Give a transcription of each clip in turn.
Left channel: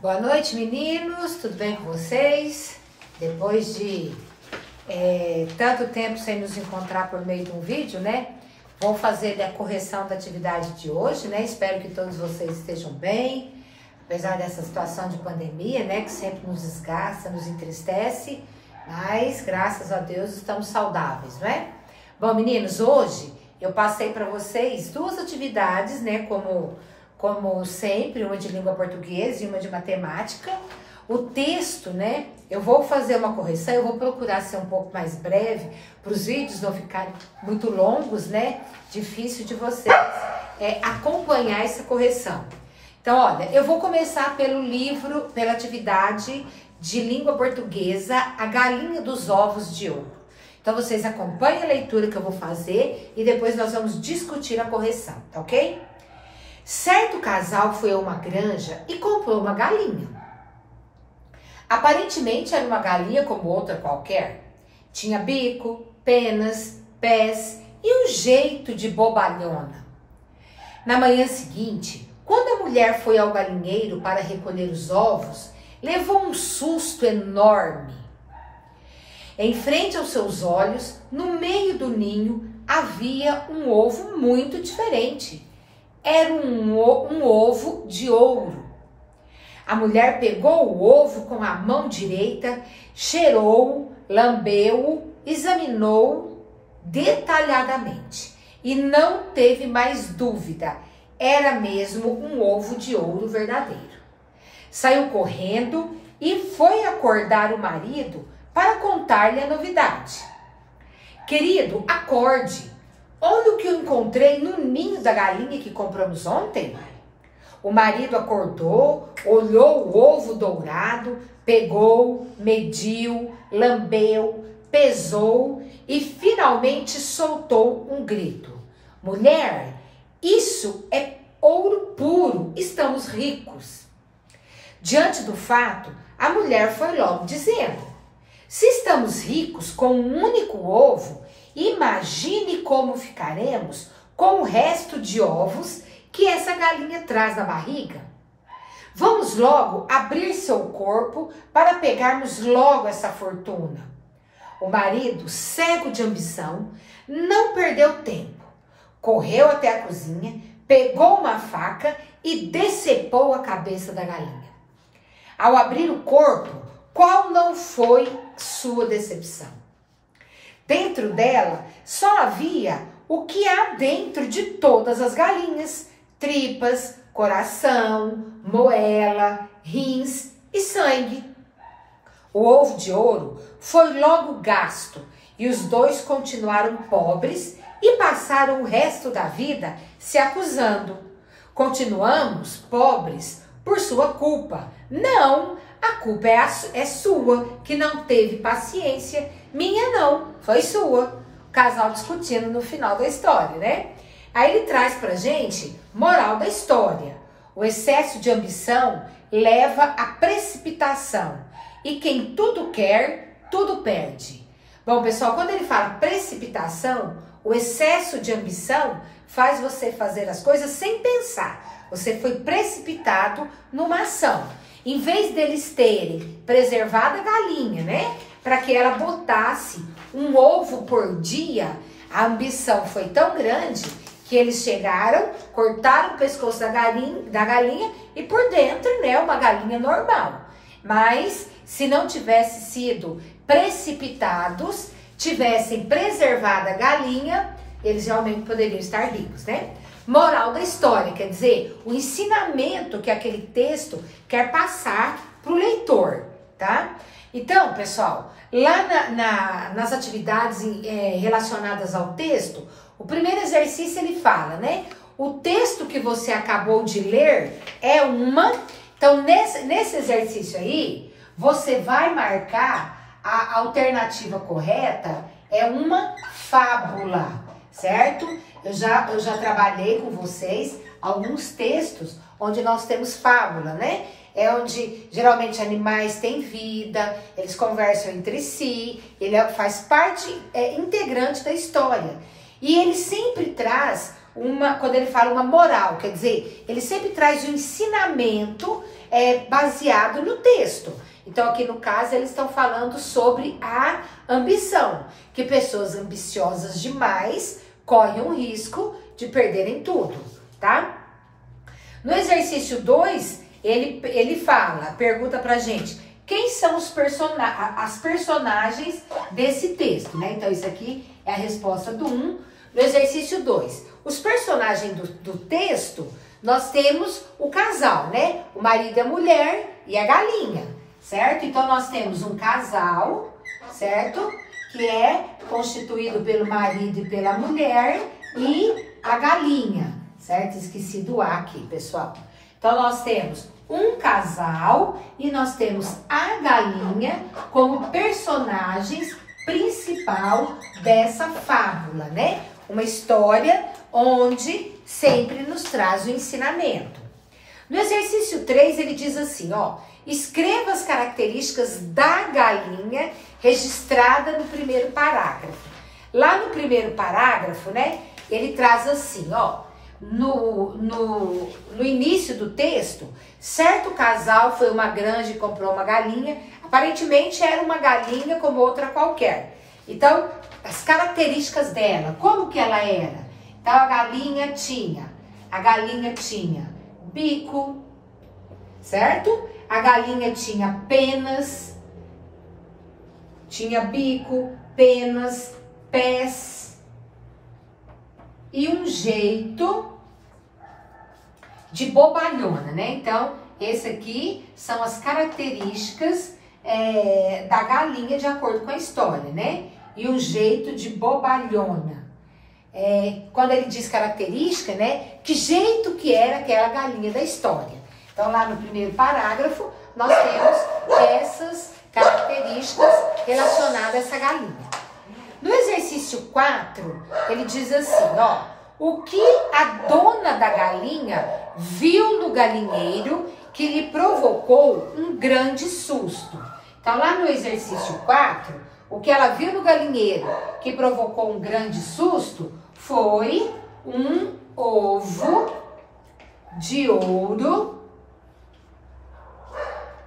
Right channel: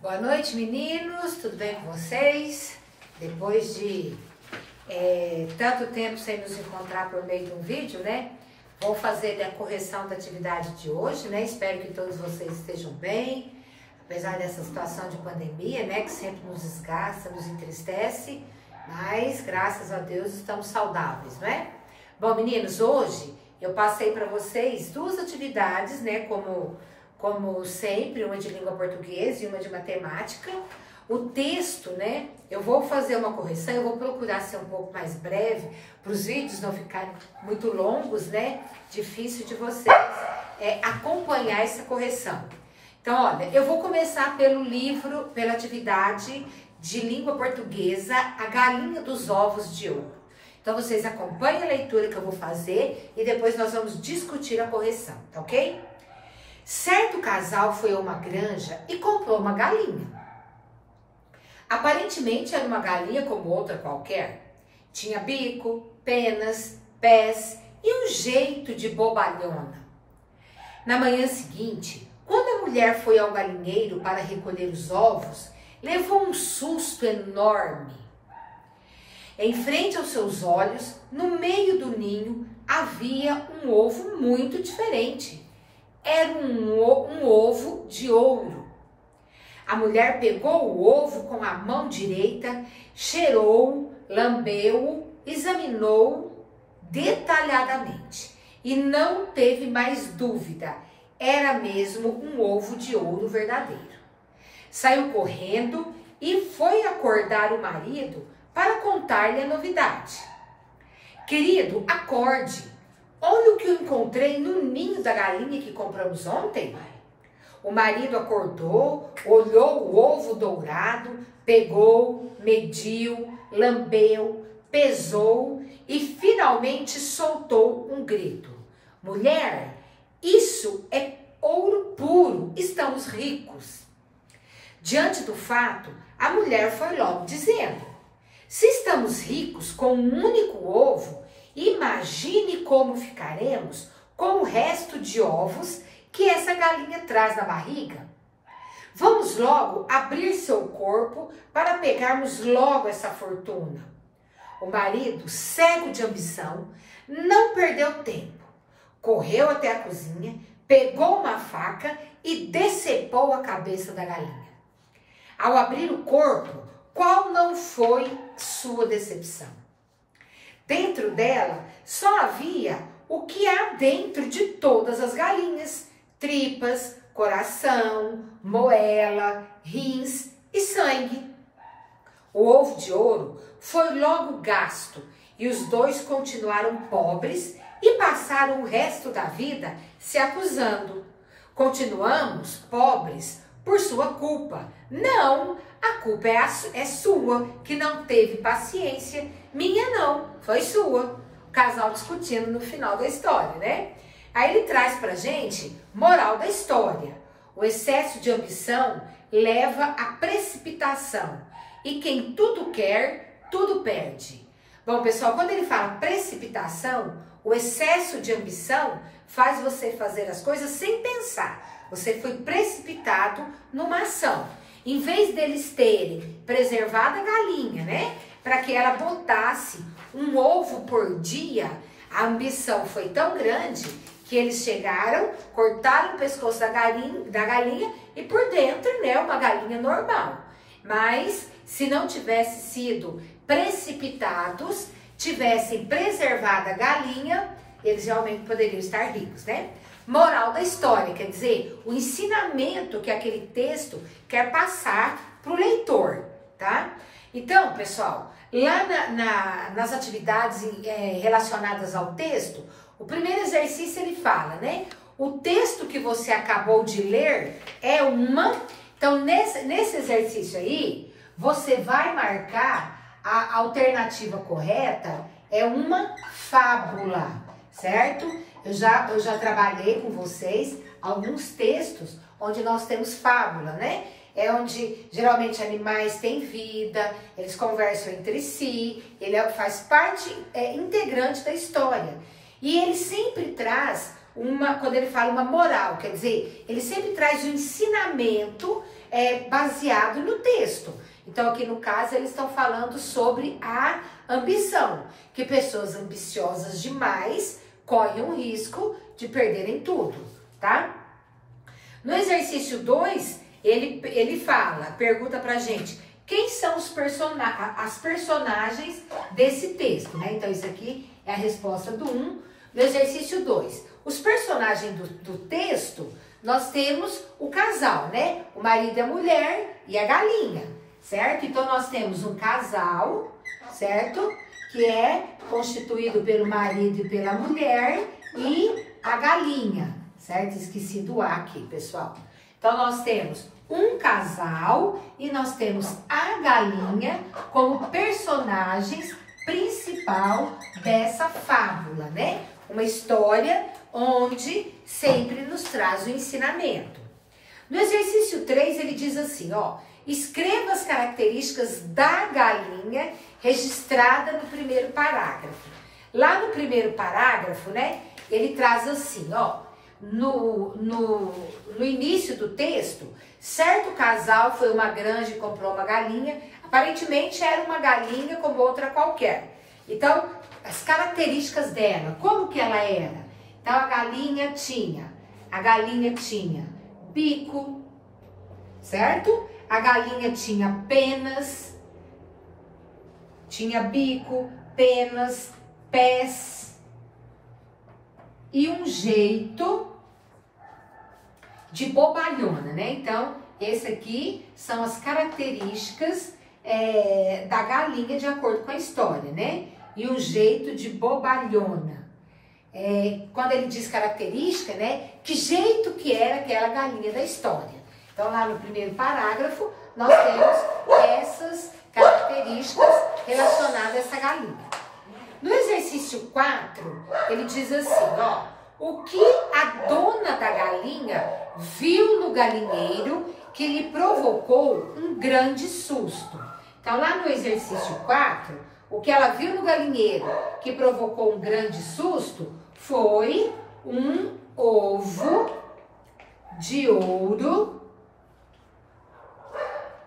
Boa noite, meninos, tudo bem com vocês? Depois de tanto tempo sem nos encontrar por meio de um vídeo, né? Vou fazer a correção da atividade de hoje, né? Espero que todos vocês estejam bem, apesar dessa situação de pandemia, né? Que sempre nos desgasta, nos entristece, mas graças a Deus estamos saudáveis, não é? Bom, meninos, hoje eu passei para vocês duas atividades, né? Como sempre, uma de língua portuguesa e uma de matemática. O texto, né? Eu vou fazer uma correção, eu vou procurar ser um pouco mais breve, para os vídeos não ficarem muito longos, né? Difícil de vocês acompanhar essa correção. Então, olha, eu vou começar pelo livro, pela atividade de língua portuguesa, A Galinha dos Ovos de Ouro. Então, vocês acompanhem a leitura que eu vou fazer e depois nós vamos discutir a correção, tá ok? Certo casal foi a uma granja e comprou uma galinha. Aparentemente era uma galinha como outra qualquer. Tinha bico, penas, pés e um jeito de bobalhona. Na manhã seguinte, quando a mulher foi ao galinheiro para recolher os ovos, levou um susto enorme. Em frente aos seus olhos, no meio do ninho, havia um ovo muito diferente. Era um ovo de ouro. A mulher pegou o ovo com a mão direita, cheirou, lambeu, examinou detalhadamente e não teve mais dúvida. Era mesmo um ovo de ouro verdadeiro. Saiu correndo e foi acordar o marido para contar-lhe a novidade. Querido, acorde. Olha o que eu encontrei no ninho da galinha que compramos ontem. O marido acordou, olhou o ovo dourado, pegou, mediu, lambeu, pesou e finalmente soltou um grito. Mulher, isso é ouro puro, estamos ricos. Diante do fato, a mulher foi logo dizendo: se estamos ricos com um único ovo, imagine como ficaremos com o resto de ovos que essa galinha traz na barriga. Vamos logo abrir seu corpo para pegarmos logo essa fortuna. O marido, cego de ambição, não perdeu tempo. Correu até a cozinha, pegou uma faca e decepou a cabeça da galinha. Ao abrir o corpo, qual não foi sua decepção? Dentro dela só havia o que há dentro de todas as galinhas: tripas, coração, moela, rins e sangue. O ovo de ouro foi logo gasto e os dois continuaram pobres e passaram o resto da vida se acusando. Continuamos pobres por sua culpa. Não, a culpa é sua, que não teve paciência. Minha não, foi sua. O casal discutindo no final da história, né? Aí ele traz pra gente moral da história. O excesso de ambição leva à precipitação. E quem tudo quer, tudo perde. Bom, pessoal, quando ele fala precipitação, o excesso de ambição faz você fazer as coisas sem pensar. Você foi precipitado numa ação. Em vez deles terem preservado a galinha, né? Para que ela botasse um ovo por dia, a ambição foi tão grande que eles chegaram, cortaram o pescoço da galinha e por dentro, né, uma galinha normal. Mas se não tivesse sido precipitados, tivessem preservado a galinha, eles realmente poderiam estar ricos, né? Moral da história, quer dizer, o ensinamento que aquele texto quer passar para o leitor, tá? Então, pessoal, lá nas atividades relacionadas ao texto, o primeiro exercício ele fala, né? O texto que você acabou de ler é uma... Então, nesse exercício aí, você vai marcar a alternativa correta, é uma fábula, certo? Eu já trabalhei com vocês alguns textos onde nós temos fábula, né? É onde geralmente animais têm vida, eles conversam entre si, ele faz parte integrante da história. E ele sempre traz quando ele fala uma moral, quer dizer, ele sempre traz um ensinamento baseado no texto. Então, aqui no caso, eles estão falando sobre a ambição, que pessoas ambiciosas demais correm o risco de perderem tudo, tá? No exercício 2, ele pergunta pra gente, quem são as personagens desse texto, né? Então, isso aqui é a resposta do 1. No exercício 2, os personagens do texto, nós temos o casal, né? O marido e a mulher e a galinha, certo? Então, nós temos um casal, certo? Que é constituído pelo marido e pela mulher e a galinha, certo? Esqueci do A aqui, pessoal. Então, nós temos um casal e nós temos a galinha como personagens principal dessa fábula, né? Uma história onde sempre nos traz o ensinamento. No exercício 3, ele diz assim, ó, escreva as características da galinha registrada no primeiro parágrafo. Lá no primeiro parágrafo, né, ele traz assim, ó, no início do texto, certo casal foi a uma granja e comprou uma galinha, aparentemente era uma galinha como outra qualquer. Então, as características dela, como que ela era? Então, a galinha tinha bico, certo? A galinha tinha penas, pés e um jeito de bobalhona, né? Então, esse aqui são as características da galinha de acordo com a história, né? E um jeito de bobalhona. Quando ele diz característica, né? Que jeito que era aquela galinha da história. Então, lá no primeiro parágrafo, nós temos essas características relacionadas a essa galinha. No exercício 4, ele diz assim, ó, o que a dona da galinha viu no galinheiro que lhe provocou um grande susto. Então, lá no exercício 4, o que ela viu no galinheiro que provocou um grande susto foi um ovo de ouro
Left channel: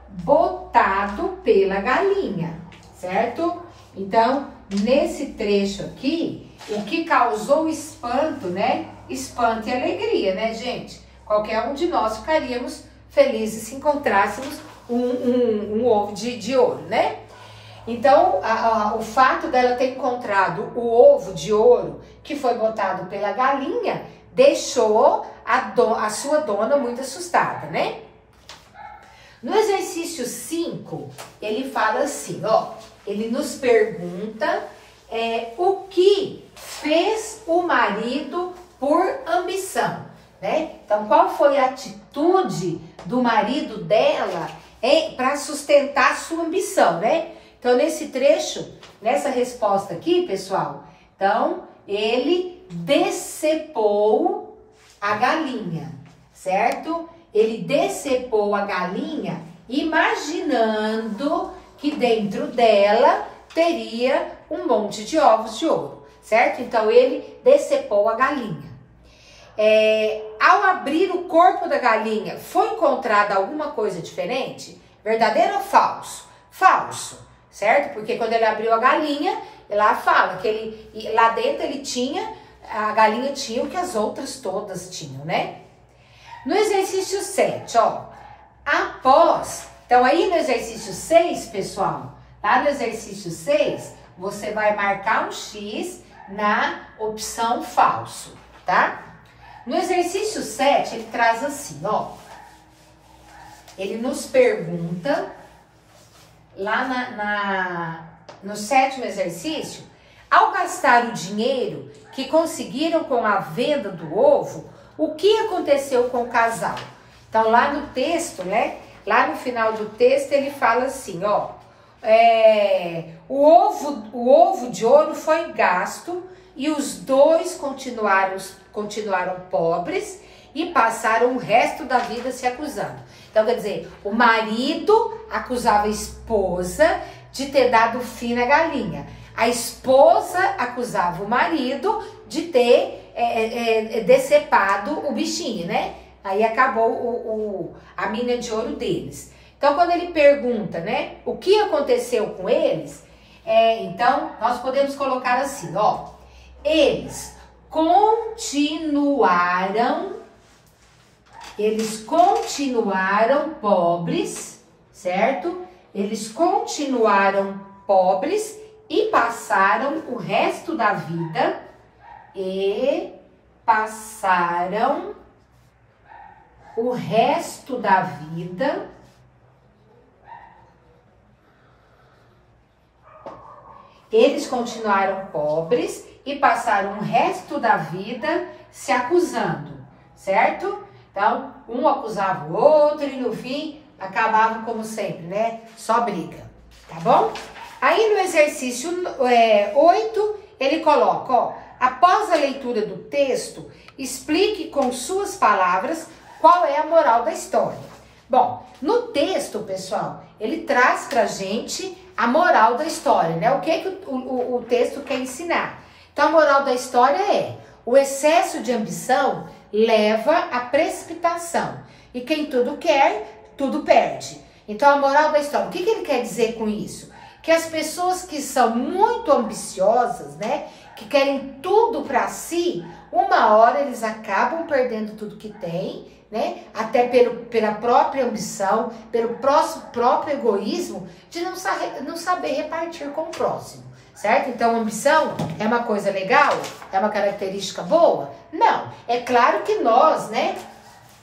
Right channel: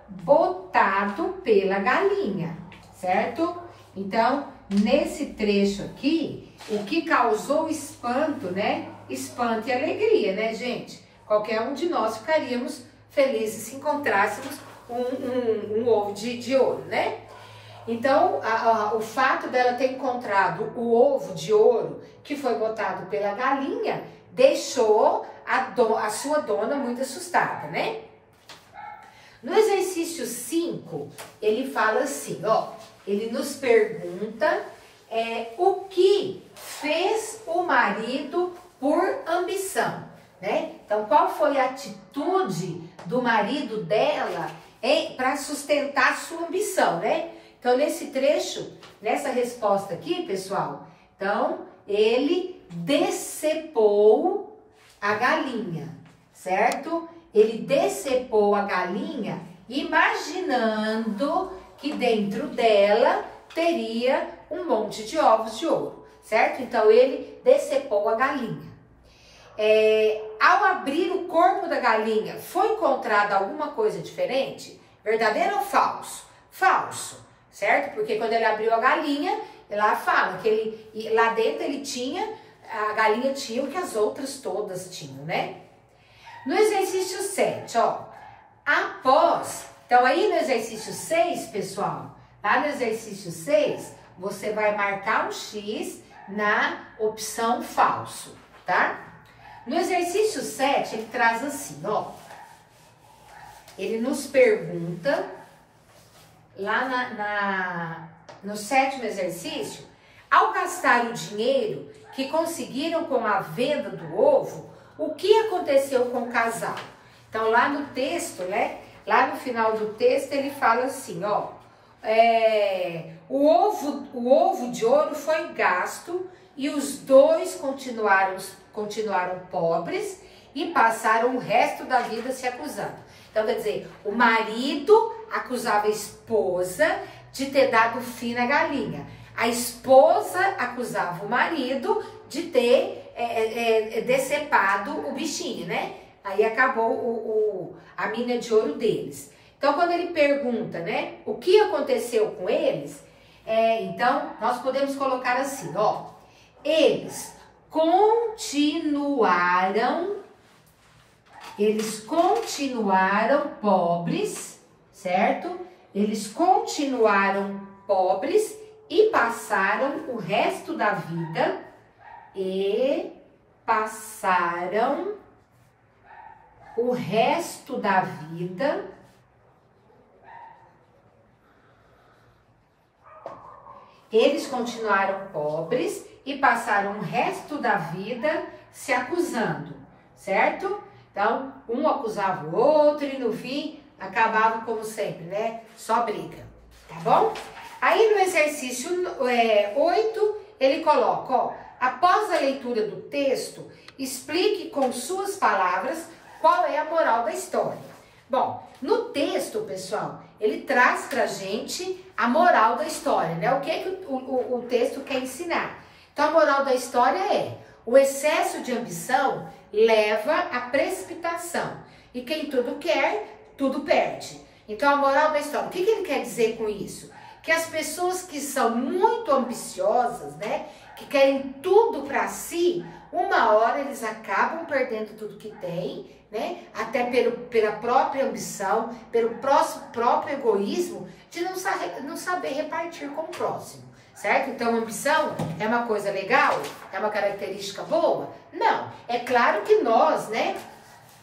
botado pela galinha, certo? Então, nesse trecho aqui, o que causou espanto, né? Espanto e alegria, né, gente? Qualquer um de nós ficaríamos felizes se encontrássemos um ovo de ouro, né? Então, o fato dela ter encontrado o ovo de ouro que foi botado pela galinha deixou a sua dona muito assustada, né? No exercício 5, ele fala assim, ó, ele nos pergunta o que fez o marido por ambição, né? Então, qual foi a atitude do marido dela para sustentar sua ambição, né? Então, nesse trecho, nessa resposta aqui, pessoal, então, ele decepou a galinha, certo? Ele decepou a galinha imaginando que dentro dela teria um monte de ovos de ouro, certo? Então, ele decepou a galinha. Ao abrir o corpo da galinha, foi encontrada alguma coisa diferente? Verdadeiro ou falso? Falso, certo? Porque quando ele abriu a galinha, lá fala que lá dentro a galinha tinha o que as outras todas tinham, né? No exercício 7, ó, então aí no exercício 6, pessoal, lá no exercício 6, você vai marcar um X na opção falso, tá? No exercício 7, ele traz assim, ó, ele nos pergunta, lá no 7º exercício, ao gastar o dinheiro que conseguiram com a venda do ovo, o que aconteceu com o casal? Então, lá no texto, né? Lá no final do texto, ele fala assim, ó. O ovo de ouro foi gasto e os dois continuaram pobres e passaram o resto da vida se acusando. Então, quer dizer, o marido acusava a esposa de ter dado fim na galinha. A esposa acusava o marido de ter decepado o bichinho, né? Aí acabou a mina de ouro deles. Então, quando ele pergunta, né, o que aconteceu com eles, então, nós podemos colocar assim, ó. Eles continuaram pobres, certo? Eles continuaram pobres e passaram o resto da vida Eles continuaram pobres e passaram o resto da vida se acusando, certo? Então, um acusava o outro e no fim acabavam como sempre, né? Só briga, tá bom? Aí no exercício 8, ele coloca, ó, após a leitura do texto, explique com suas palavras qual é a moral da história. Bom, no texto, pessoal, ele traz pra gente a moral da história, né? O que o texto quer ensinar. Então, a moral da história é: o excesso de ambição leva à precipitação. E quem tudo quer, tudo perde. Então, a moral da história, o que ele quer dizer com isso? Que as pessoas que são muito ambiciosas, né? Que querem tudo para si, uma hora eles acabam perdendo tudo que tem, né? Até pela própria ambição, pelo próprio egoísmo, de não saber repartir com o próximo, certo? Então, ambição é uma coisa legal? É uma característica boa? Não. É claro que nós, né,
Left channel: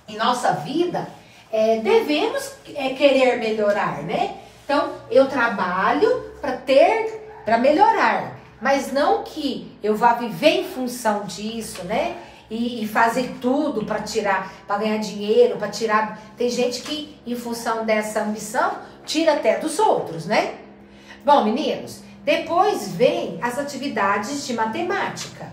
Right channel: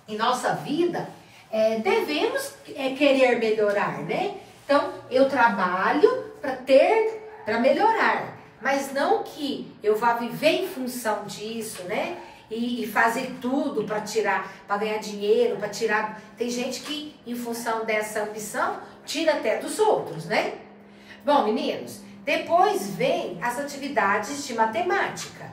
em nossa vida, devemos querer melhorar, né? Então, eu trabalho para melhorar, mas não que eu vá viver em função disso, né? E fazer tudo para ganhar dinheiro, para tirar. Tem gente que, em função dessa ambição, tira até dos outros, né? Bom, meninos, depois vem as atividades de matemática.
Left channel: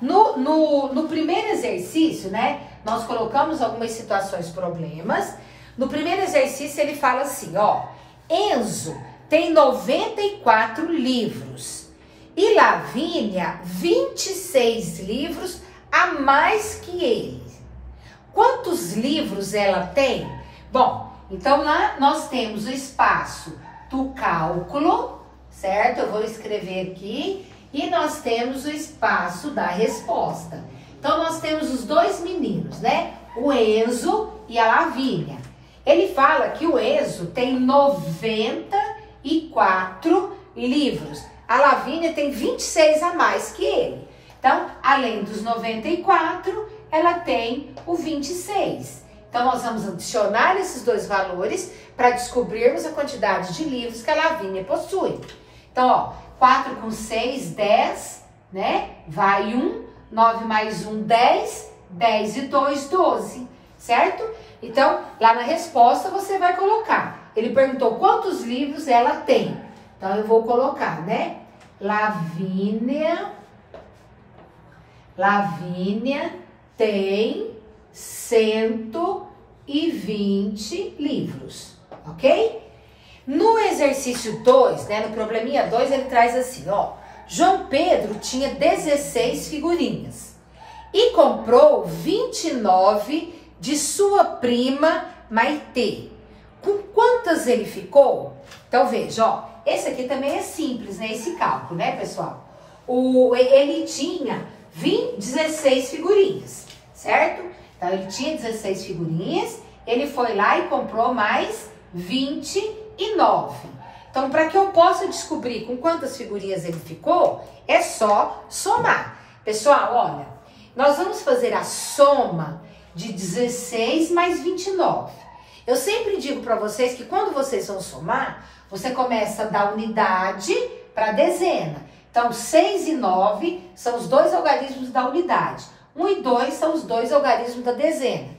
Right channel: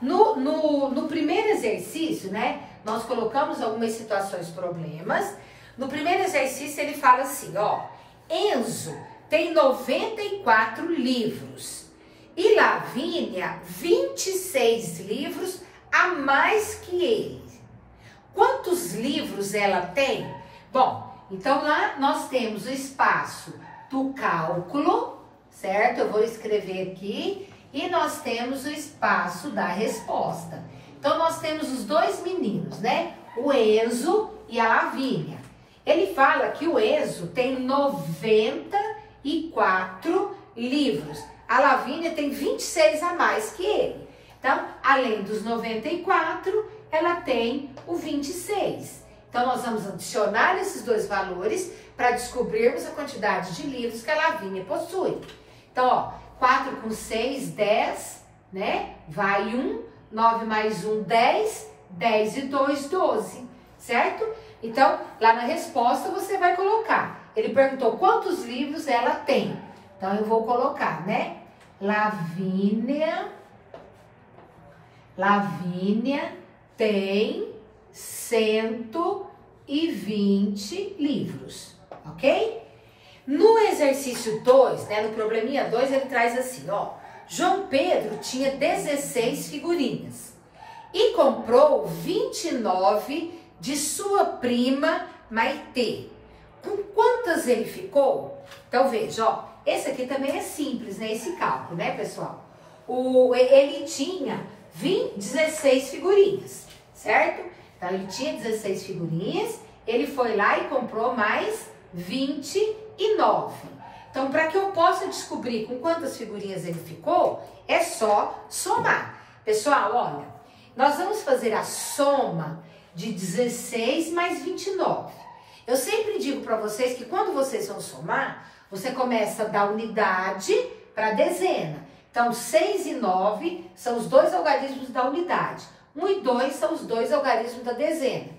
No primeiro exercício, né, nós colocamos algumas situações, problemas. No primeiro exercício, ele fala assim, ó, Enzo tem 94 livros e Lavínia 26 livros a mais que ele. Quantos livros ela tem? Bom, então lá nós temos o espaço do cálculo, certo? Eu vou escrever aqui. E nós temos o espaço da resposta. Então, nós temos os dois meninos, né? O Enzo e a Lavínia. Ele fala que o Enzo tem 94 livros. A Lavínia tem 26 a mais que ele. Então, além dos 94, ela tem o 26. Então, nós vamos adicionar esses dois valores para descobrirmos a quantidade de livros que a Lavínia possui. Então, ó, 4 com 6, 10, né? Vai 1, 9 mais 1, 10, 10 e 2, 12, certo? Então, lá na resposta você vai colocar. Ele perguntou quantos livros ela tem. Então, eu vou colocar, né? Lavínia tem 120 livros, ok? No exercício 2, né, no probleminha 2, ele traz assim, ó. João Pedro tinha 16 figurinhas e comprou 29 de sua prima Maitê. Com quantas ele ficou? Então, veja, ó. Esse aqui também é simples, né, esse cálculo, né, pessoal? Ele tinha 16 figurinhas, certo? Então, ele tinha 16 figurinhas, ele foi lá e comprou mais 29. Então, para que eu possa descobrir com quantas figurinhas ele ficou, é só somar. Pessoal, olha, nós vamos fazer a soma de 16 mais 29. Eu sempre digo para vocês que quando vocês vão somar, você começa da unidade para a dezena. Então, 6 e 9 são os dois algarismos da unidade. 1 e 2 são os dois algarismos da dezena.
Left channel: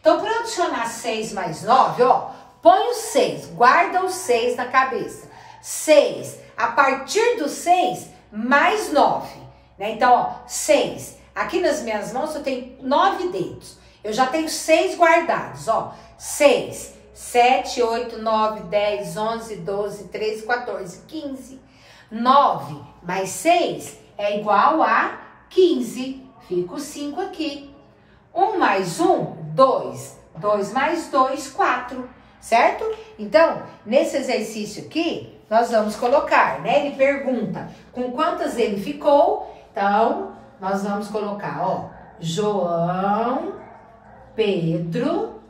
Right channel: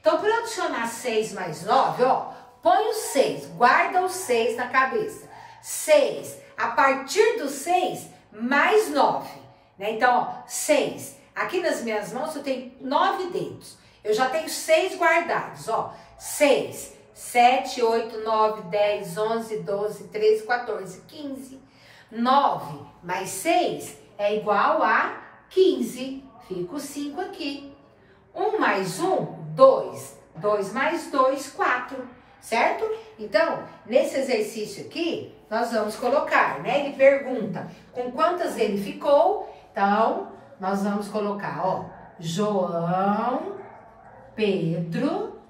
Então, para adicionar 6 mais 9, ó, põe o 6, guarda o 6 na cabeça. 6, a partir do 6, mais 9. Né? Então, ó, 6. Aqui nas minhas mãos eu tenho 9 dedos. Eu já tenho 6 guardados, ó. 6, 7, 8, 9, 10, 11, 12, 13, 14, 15. 9 mais 6 é igual a 15. Fica o 5 aqui. 1 mais 1, 2. 2 mais 2, 4, certo? Então, nesse exercício aqui, nós vamos colocar, né? Ele pergunta com quantas ele ficou. Então, nós vamos colocar, ó, João Pedro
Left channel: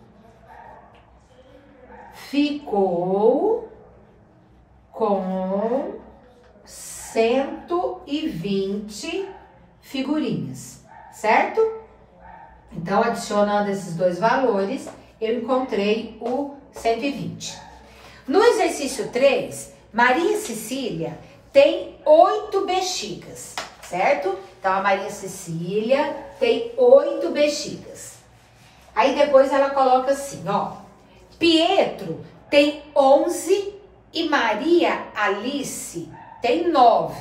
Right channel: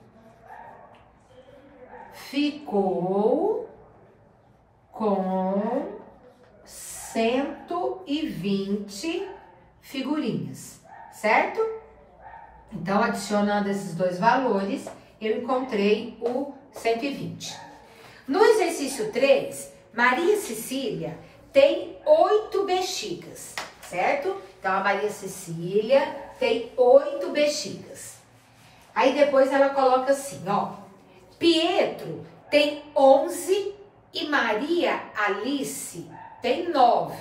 ficou com 120 figurinhas, certo? Então, adicionando esses dois valores, eu encontrei o 120. No exercício 3, Maria Cecília tem 8 bexigas, certo? Então, a Maria Cecília tem 8 bexigas. Aí, depois ela coloca assim, ó. Pietro tem 11 e Maria Alice tem 9.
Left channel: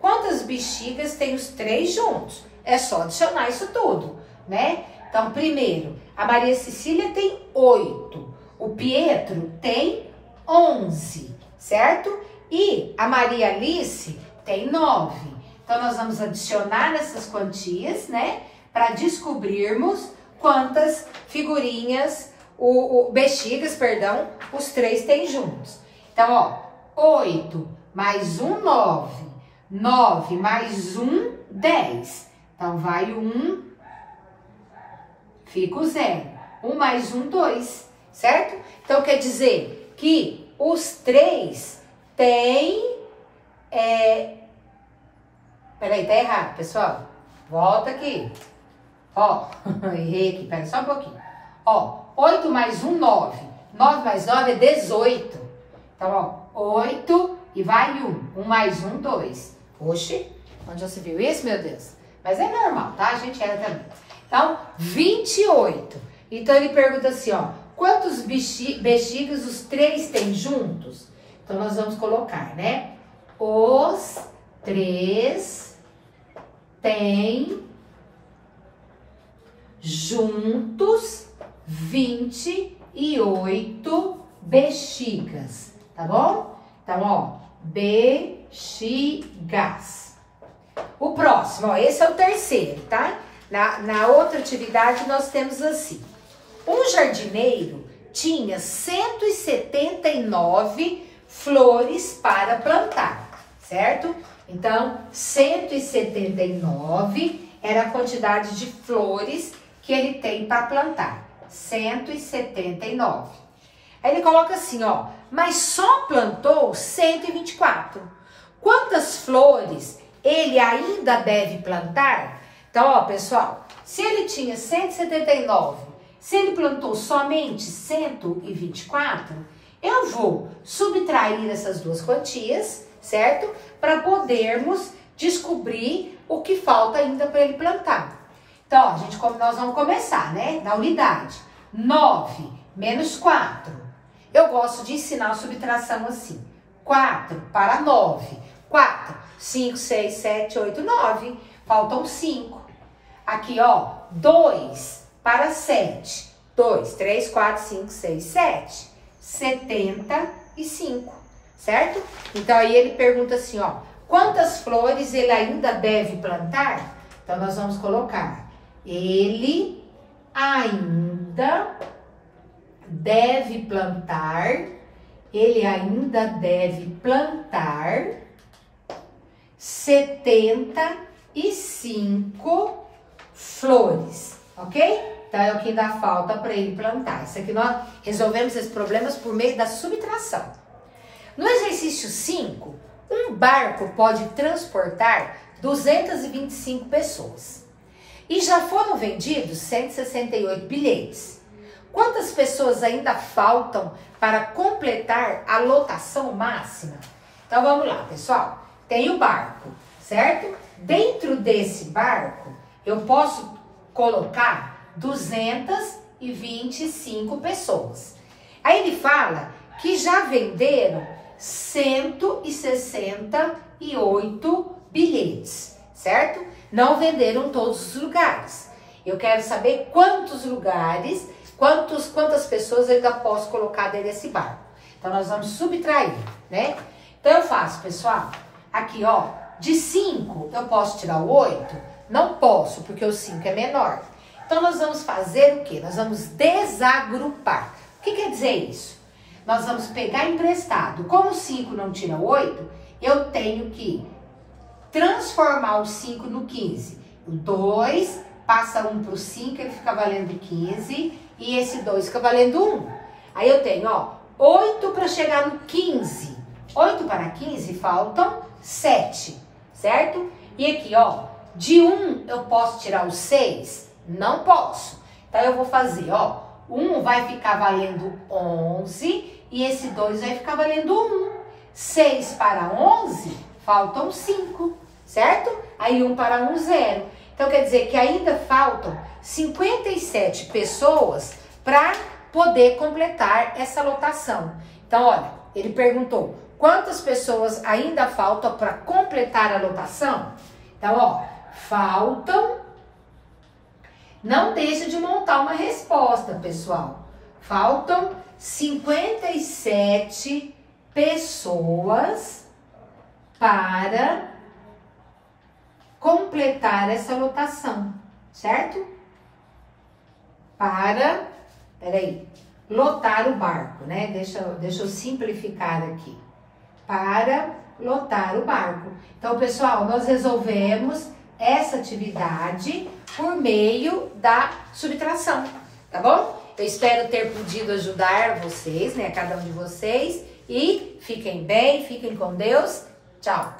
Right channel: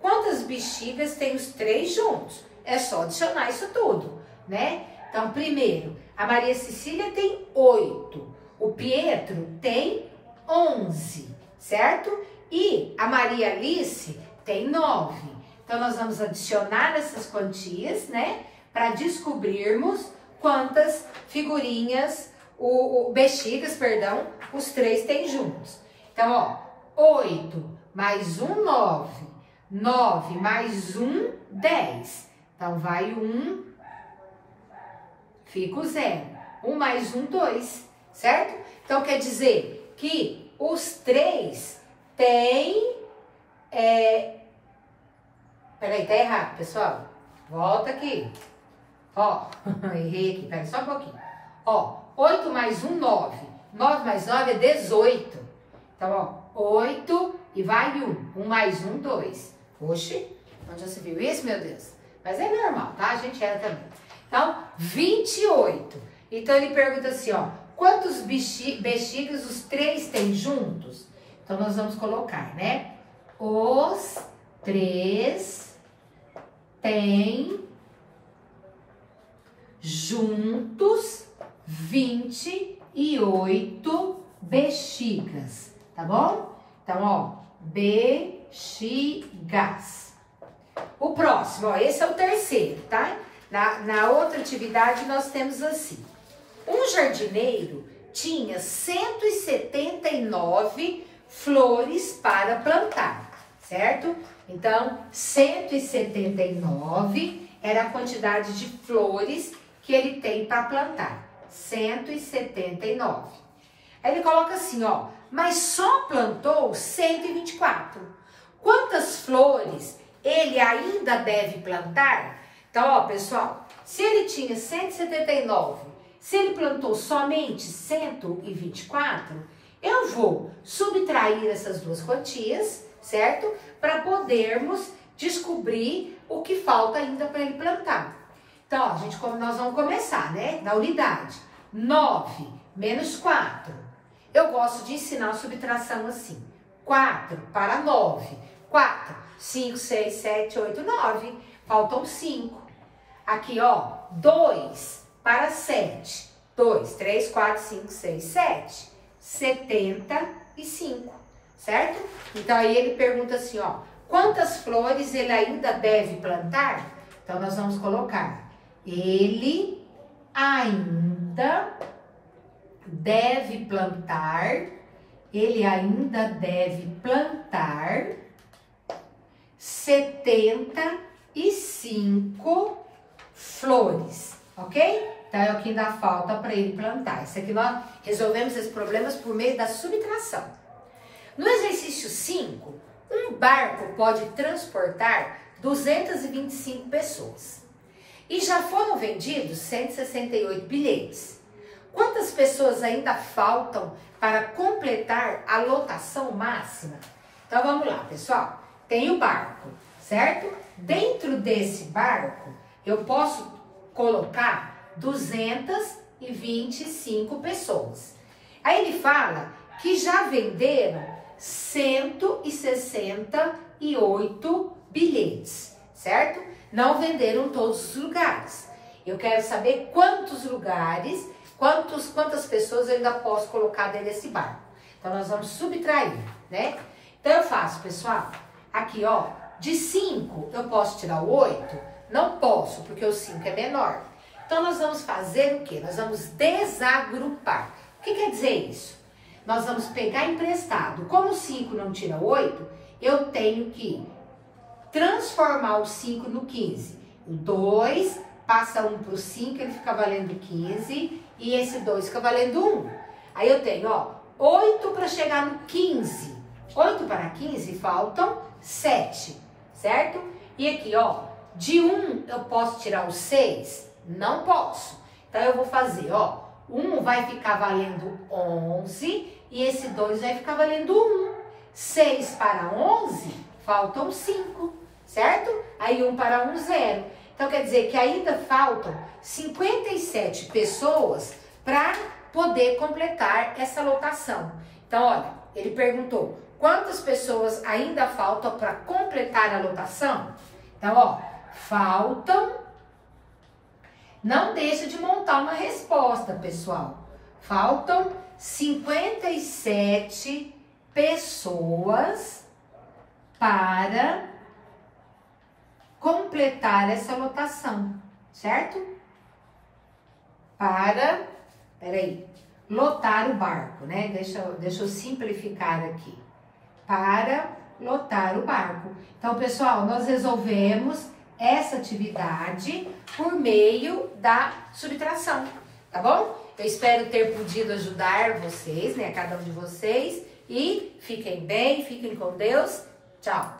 Quantas bexigas tem os 3 juntos? É só adicionar isso tudo, né? Então, primeiro, a Maria Cecília tem 8. O Pietro tem 11, certo? E a Maria Alice tem 9. Então, nós vamos adicionar essas quantias, né? Para descobrirmos quantas figurinhas, bexigas, perdão, os 3 têm juntos. Então, ó, 8 mais 1, 9. 9 mais 1, 10. Então, vai 1, fica o 0. 1 mais 1, 2, certo? Então, quer dizer que os 3 têm... Peraí, tá errado, pessoal. Volta aqui. Ó, errei aqui, peraí só um pouquinho. Ó, 8 mais 1, 9. 9 mais 9 é 18. Então, ó, 8 e vai 1. 1 mais 1, 2. Oxi, onde já se viu isso, meu Deus? Mas é normal, tá? A gente era também. Então, 28. Então, ele pergunta assim, ó. Quantos bexigas os 3 têm juntos? Então, nós vamos colocar, né? Os 3 têm juntos 28 bexigas, tá bom? Então, ó, bexigas. O próximo, ó, esse é o terceiro, tá? Na outra atividade, nós temos assim. Um jardineiro tinha 179 flores para plantar, certo? Então, 179 era a quantidade de flores que ele tem para plantar. 179. Aí ele coloca assim, ó, mas só plantou 124. Quantas flores ele ainda deve plantar? Então, ó, pessoal, se ele tinha 179, se ele plantou somente 124, eu vou subtrair essas duas quantias, certo? Para podermos descobrir o que falta ainda para ele plantar. Então, ó, nós vamos começar, né? Na unidade. 9 menos 4. Eu gosto de ensinar a subtração assim. 4 para 9. 4, 5, 6, 7, 8, 9. Faltam 5. Aqui, ó, 2 para 7. 2, 3, 4, 5, 6, 7. 75, certo? Então, aí ele pergunta assim, ó. Quantas flores ele ainda deve plantar? Então, nós vamos colocar. Ele ainda deve plantar. Ele ainda deve plantar 75 flores, ok? Então, é o que ainda falta para ele plantar. Isso aqui nós resolvemos esses problemas por meio da subtração. No exercício 5, um barco pode transportar 225 pessoas. E já foram vendidos 168 bilhetes. Quantas pessoas ainda faltam para completar a lotação máxima? Então, vamos lá, pessoal. Tem o barco, certo? Dentro desse barco, eu posso colocar 225 pessoas. Aí ele fala que já venderam 168 bilhetes, certo? Não venderam todos os lugares. Eu quero saber quantos lugares, quantas pessoas eu ainda posso colocar dentro desse barco. Então, nós vamos subtrair, né? Então, eu faço, pessoal, aqui, ó, de 5, eu posso tirar o 8? Não posso, porque o 5 é menor. Então, nós vamos fazer o quê? Nós vamos desagrupar. O que quer dizer isso? Nós vamos pegar emprestado. Como 5 não tira 8, eu tenho que transformar o 5 no 15. O 2 passa 1 para o 5, ele fica valendo 15. E esse 2 fica valendo 1. Aí eu tenho, ó, 8 para chegar no 15. 8 para 15 faltam 7, certo? E aqui, ó, de 1 eu posso tirar o 6? Não posso. Então, eu vou fazer, ó, 1 vai ficar valendo 11 e esse 2 vai ficar valendo 1. 6 para 11, faltam 5, certo? Aí 1 para 1, 0. Então, quer dizer que ainda faltam 57 pessoas para poder completar essa lotação. Então, olha, ele perguntou, quantas pessoas ainda faltam para completar a lotação? Então, ó, faltam... Não deixa de montar uma resposta, pessoal. Faltam 57 pessoas para completar essa lotação, certo? Para, peraí, lotar o barco, né? Deixa eu simplificar aqui. Para lotar o barco. Então, pessoal, nós resolvemos essa atividade por meio da subtração, tá bom? Eu espero ter podido ajudar vocês, né, cada um de vocês, e fiquem bem, fiquem com Deus. Tchau!